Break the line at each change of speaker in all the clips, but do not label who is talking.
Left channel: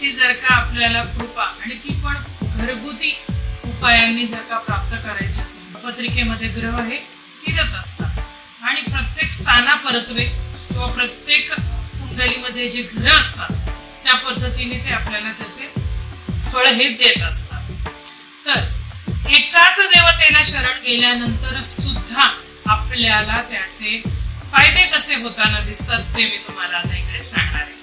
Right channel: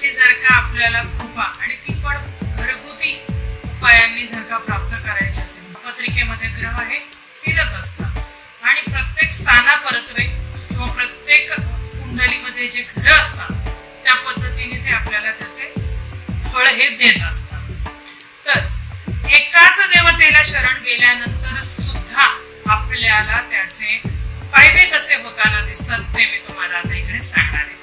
महादेवांची जर का आपल्याला कृपा आणि ती पण घरगुती उपायांनी जर का प्राप्त करायची असेल पत्रिकेमध्ये ग्रह हे फिरत असतात. आणि प्रत्येक स्थानापरत्वे किंवा प्रत्येक कुंडलीमध्ये जे ग्रह असतात त्या पद्धतीने ते आपल्याला त्याचे फळ हे देत असतात. तर एकाच देवतेला शरण गेल्यानंतर सुद्धा आपल्याला त्याचे फायदे कसे होताना दिसतात ते मी तुम्हाला आता इकडे सांगणार आहे.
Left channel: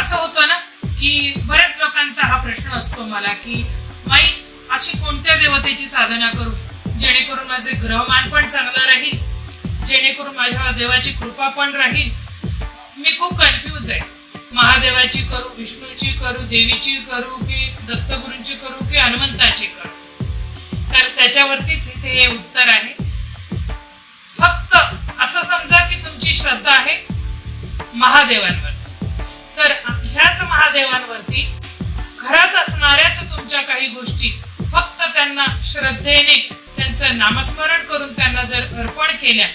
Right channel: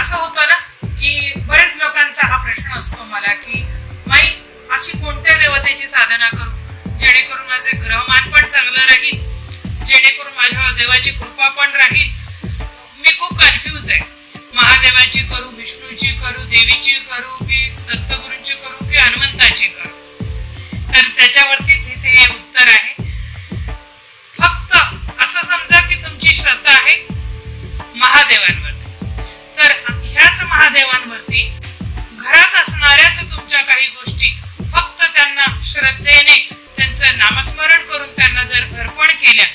असं होतं ना की बऱ्याच लोकांचा हा प्रश्न असतो मला की माई अशी कोणत्या देवतेची साधना करू? जेणेकरून माझे ग्रहमान पण चांगलं राहील जेणेकरून माझ्या देवाची कृपा पण राहील. मी खूप कन्फ्यूज आहे. महादेवाची करू विष्णूची करू देवीची करू की दत्तगुरूंची करू की हनुमंताची करू? तर त्याच्यावरतीच इथे हे उत्तर आहे. फक्त असं समजा की तुमची श्रद्धा आहे महादेवांवर तर ह्याच महादेवांवरती घरात असणाऱ्याच तुमच्या काही गोष्टी फक्त त्यांना श्रद्धेने त्यांचं नामस्मरण करून त्यांना जर अर्पण केल्या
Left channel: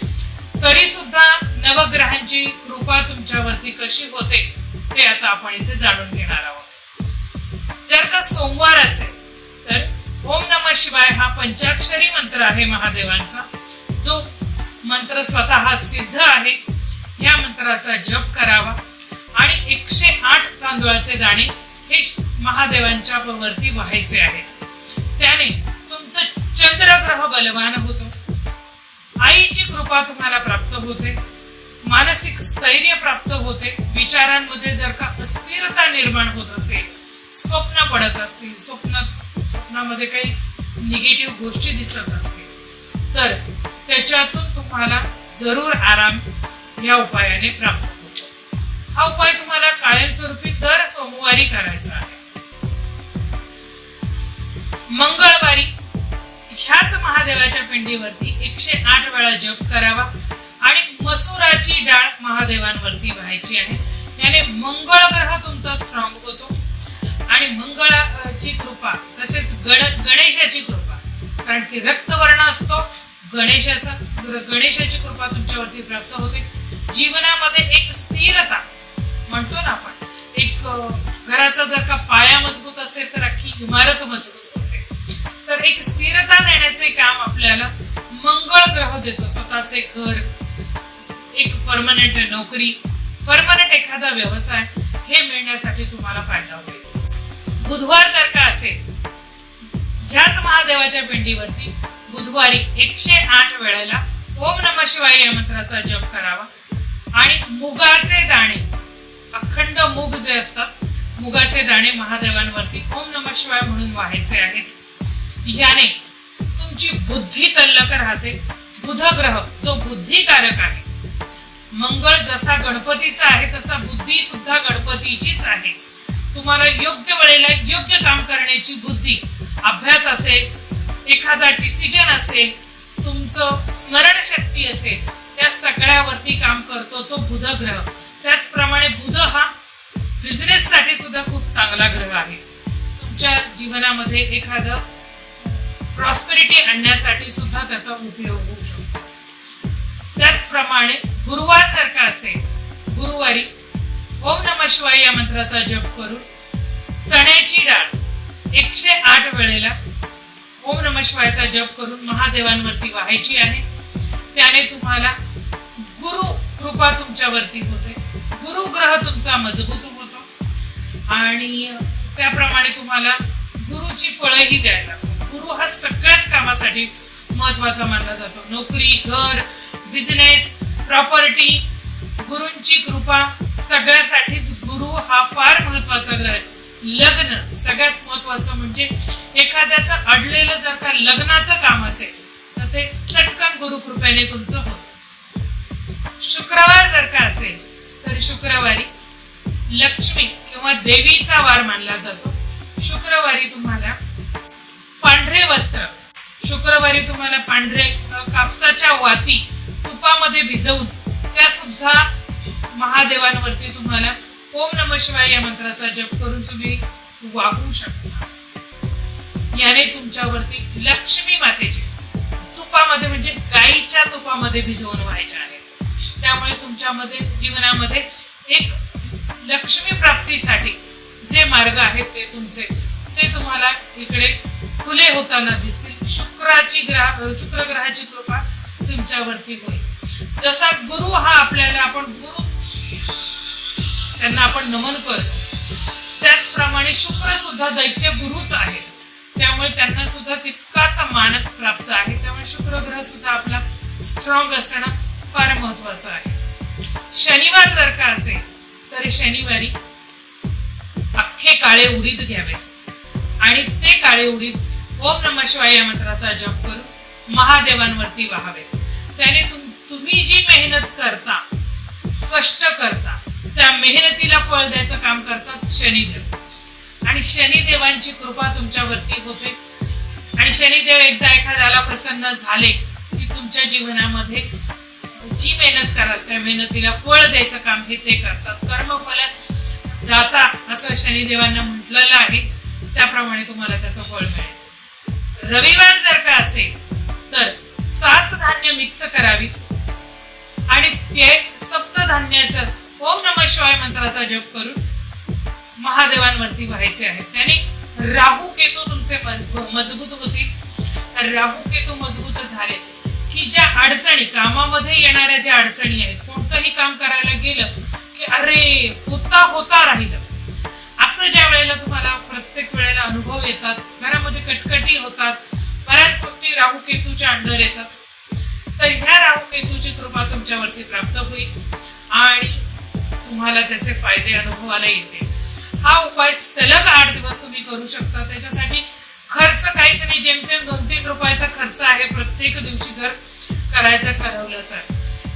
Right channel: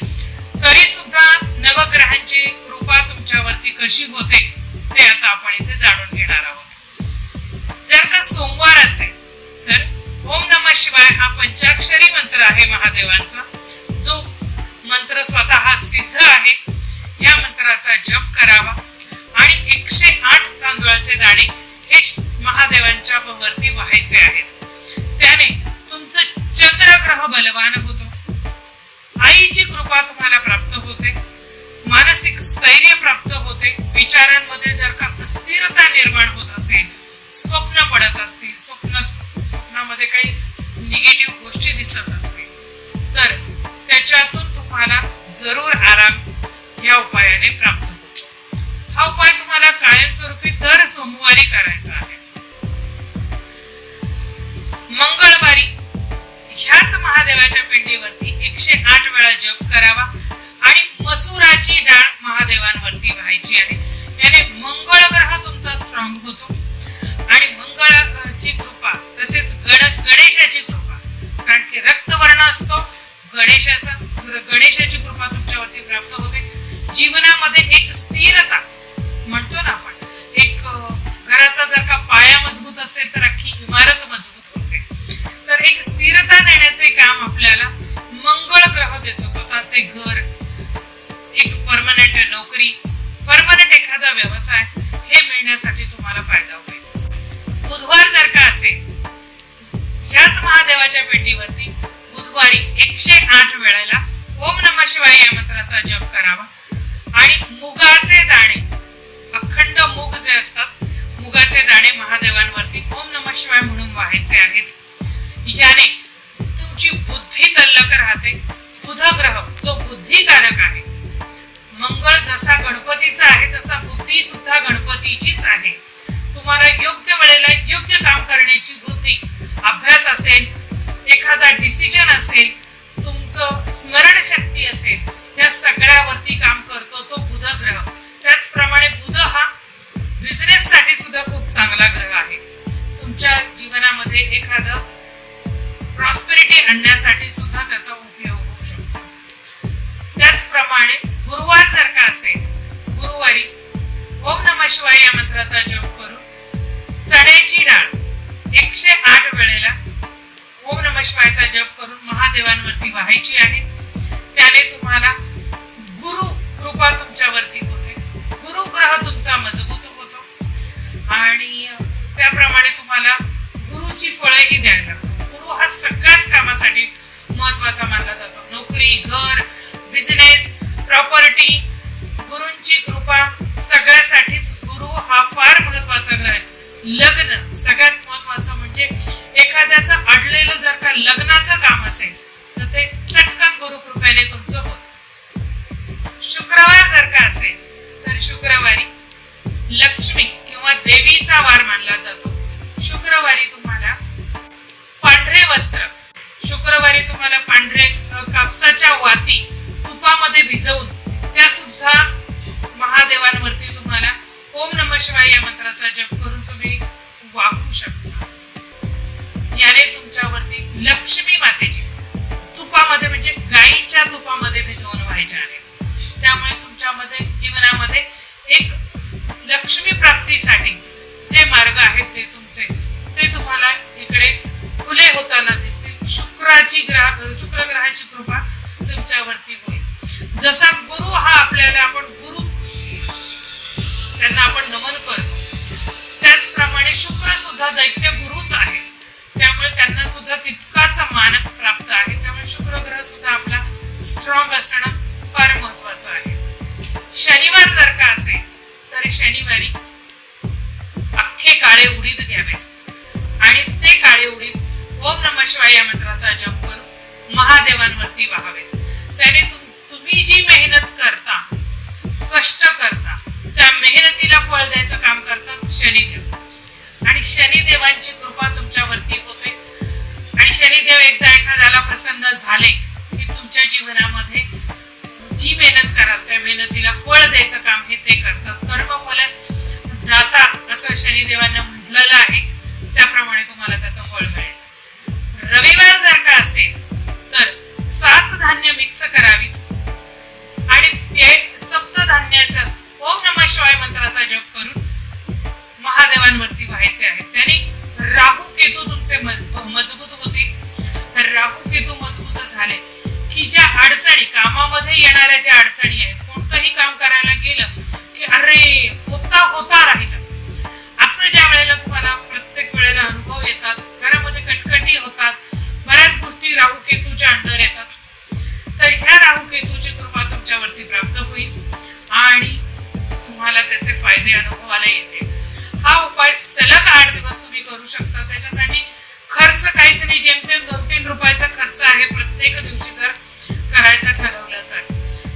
तरी सुद्धा नवग्रहांची कृपा तुमच्यावरती कशी होते ते आता आपण इथे जाणून घेणार आहोत. जर का सोमवार असेल तर ओम नम शिवाय हा पंचाक्षरी मंत्र आहे महादेवांचा जो मंत्र स्वतः सिद्ध आहे. या मंत्राचा जप करावा. आणि एकशे आठ तांदुळाचे दाणे हे महादेवांच्या वरती व्हायचे आहेत. त्याने तुमचं चंद्रग्रह बलवान होतो. आईची कृपा तुम्हाला प्राप्त होते. मानसिक स्थैर्य प्राप्त होते. विचारांमध्ये जर का अस्थिरता निर्माण होत असेल स्वप्न पडत असतील स्वप्न स्वप्नामध्ये काही निगेटिव्ह गोष्टी दिसत असतील तर त्याच्यातून तुम्हाला जरूर आराम या उपायाने प्राप्त होतो हा उपाय तुम्हाला कायमस्वरूपी दर सोमवारी करायचा आहे. मंगळवारी ह्याच महादेवाच्या पिंडीवरती एकशे आठ वेळा जप करावा आणि मसुराची डाळ महादेवांवरती व्हायची आहे. याने मंगळ ग्रह तुमचा स्ट्रॉंग होतो आणि मंगळाची कृपा तसेच गण गणेशाची कृपा. कारण की रक्तवर्ण असतो गणेशाचा गणेशाची कृपा तुमच्यावरती प्राप्त होते. जीवनामध्ये एक स्थिरता म्हणतो ना आपण एक घराचा जर का पाया मजबूत असेल तर अख्खी इमारत मजबूत होते. तर एक स्थिरता नेण्याचे काम आपल्याला मंगळ ग्रह देतो. स्वतःचे घर एक परमनंट नोकरी परमनंट एखादा व्यवसाय हे मिळण्यासाठी तुम्हाला फायदा होईल. बुधवार जर का असेल ह्याच महादेवाच्या पिंडीवरती बुधवारी एकशे आठ वेळेला ओम नम शिवाय या मंत्राचा जप करावा. आणि मुगाचे दाणे अखंड मुग जे असतात मुगाचे दाणे महादेवांवरती ओम नम शिवाय म्हणून व्हायचे आहेत. याने तुमची बुद्धी तल्लक राहते. बुध ग्रह जो बुद्धिकारक आहे. मंगळ जसा गणपतीचा आहे तसा बुद्धी सुद्धा गणपतीचीच आहे. तुम्हाला योग्य वेळेला योग्य काम करण्याची बुद्धी अभ्यास असेल एखादा डिसिजन असेल तुमचं स्मरण शक्ती असेल त्या सगळ्यावरती काम करतो तो बुध ग्रह चांगला ग्रह आहे. तुमच्या जीवनामध्ये एखादं प्रॉस्पेरिटी आणण्यासाठी सुद्धा त्याचा उपयोग होऊ शकतो. त्याचप्रमाणे गुरुवार जर का असेल गुरुवारी ओम नम शिवाय या मंत्राचा जप करून चण्याची डाळ एकशे आठ वेळेला ओम नम शिवायचा जप करून महादेवांवरती व्हायची आहे. त्याने तुम्हाला गुरु कृपा तुमच्यावरती होते. गुरु ग्रह तुमचा मजबूत होतो. आणि त्याप्रमाणे तुम्हाला गुरुची फळंही द्यायला लागतात. गुरु हा सगळ्याच कामासाठी महत्त्वाचा मानला जातो. नोकरी घर बिझनेस प्रॉपर्टी गुरूंची कृपा सगळ्यासाठीच गुरु हा फार महत्त्वाचा ग्रह आहे. लग्न सगळ्यात महत्वाचं म्हणजे एखाद्याचं अडलेलं जर का लग्नाचं काम असेल तर ते चटकन गुरु कृपेने तुमचं होत. शुक्रवार जर का असेल तर शुक्रवारी लक्ष्मी किंवा देवीचा वार मानला जातो. शुक्रवारी तुम्हाला पांढरे वस्त्र शुक्रवारी तुम्हाला पांढरे कापसाच्या वाती तुपामध्ये भिजवून त्या सुद्धा महादेवांवरती तुम्हाला ओम नम शिवाय या मंत्राचा जप करून तुम्ही वागू शकता. याने तुमच्यावरती लक्ष्मी मातेची तुपामध्ये म्हणजे गाईच्या तुपामध्ये भिजवून व्हायच्या आहे. त्यामुळे तुमच्यामध्ये जीवनामध्ये एक लक्ष्मी प्राप्तीसाठी जे मार्ग आहेत ते तुमचे ते तुम्हाला इकडे खुले होताना दिसतील. शुक्राची ग्रह शुक्र ग्रहाची कृपा तुमच्यावरती होईल. जसा गुरु हा आपल्याला आपण गुरु त्यांना आपण नमन करतो त्याचप्रमाणे शुक्र सुद्धा दैत्य गुरुच आहे. त्यामुळे त्यांना सुद्धा तितकाच मानक प्राप्त आहे. त्यामुळे शुक्र ग्रह सुद्धा आपला स्ट्रॉंग असणं फार महत्वाचं आहे. शनिवार जर का असेल तर शनिवारी अख्खे काळे उडीद घ्यावेत. आणि ते काळे उडीद ओम नम शिवाय या मंत्राचा जप करून महादेवांवरती व्हावेत. त्याने तुम- तुम्ही जी मेहनत करता कष्ट करता त्या मेहनतीला फळ द्यायचं काम करतात शनिदेव. आणि शनिदेवांची कृपा तुमच्यावरती होते. आणि शनिदेव एकदा एखाद्याला प्रसन्न झाले की तुमच्या जीवनामध्ये जी मेहनत कराल त्या मेहनतीला फळ द्यायचं काम हे ते करतात. कर्मफल दाता असं शनिदेवांना म्हटलेलं आहे. त्याप्रमाणे तुम्हाला त्याचं फळ मिळेल. रविवार जर का असेल तर सात धान्य मिक्स करावीत. आणि ते सप्तधान्याचं ओम नम शिवाय मंत्राचा जप करून महादेवांवरती व्हायचे आहेत त्याने राहू केतू तुमचे मजबूत होतील. राहू केतू मजबूत झाले. की ज्या अडचणी कामामध्ये येणाऱ्या ज्या अडचणी आहेत कोणतंही काम करायला गेलं की अरे होता होता राहिलं. असं ज्या वेळेला तुम्हाला प्रत्येक वेळेला अनुभव येतात घरामध्ये कटकटी होतात बऱ्याच गोष्टी राहू केतूच्या अंडर येतात तर ह्या राहू केतूची कृपा तुमच्यावरती प्राप्त होईल आणि तुम्हाला त्याचे फायदे अनुभवाला येतील. हा उपाय सलग आठ दिवस तुम्ही करू शकता. त्याच्यासाठी खर्च काहीच नाही. जेमतेम दोन तीन रुपयाचा खर्च आहे प्रत्येक दिवशी जर करायचं ठरवलं तर.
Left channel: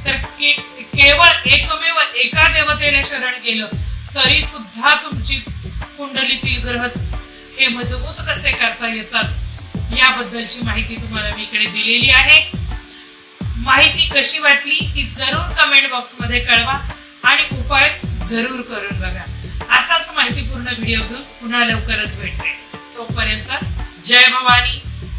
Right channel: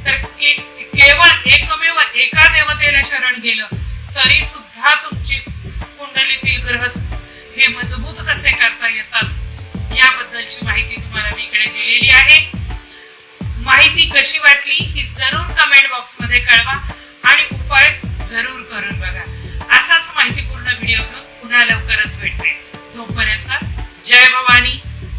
तर केवळ एकमेव एका देवतेला शरण गेलं तरी सुद्धा तुमची कुंडलीतील ग्रह हे मजबूत कसे करता येतात याबद्दलची माहिती तुम्हाला मी इकडे दिलेली आहे. माहिती कशी वाटली ही जरूर कमेंट बॉक्समध्ये कळवा आणि उपाय जरूर करून बघा. असाच माहितीपूर्ण व्हिडिओ घेऊन पुन्हा लवकरच भेटते. तोपर्यंत जय भवानी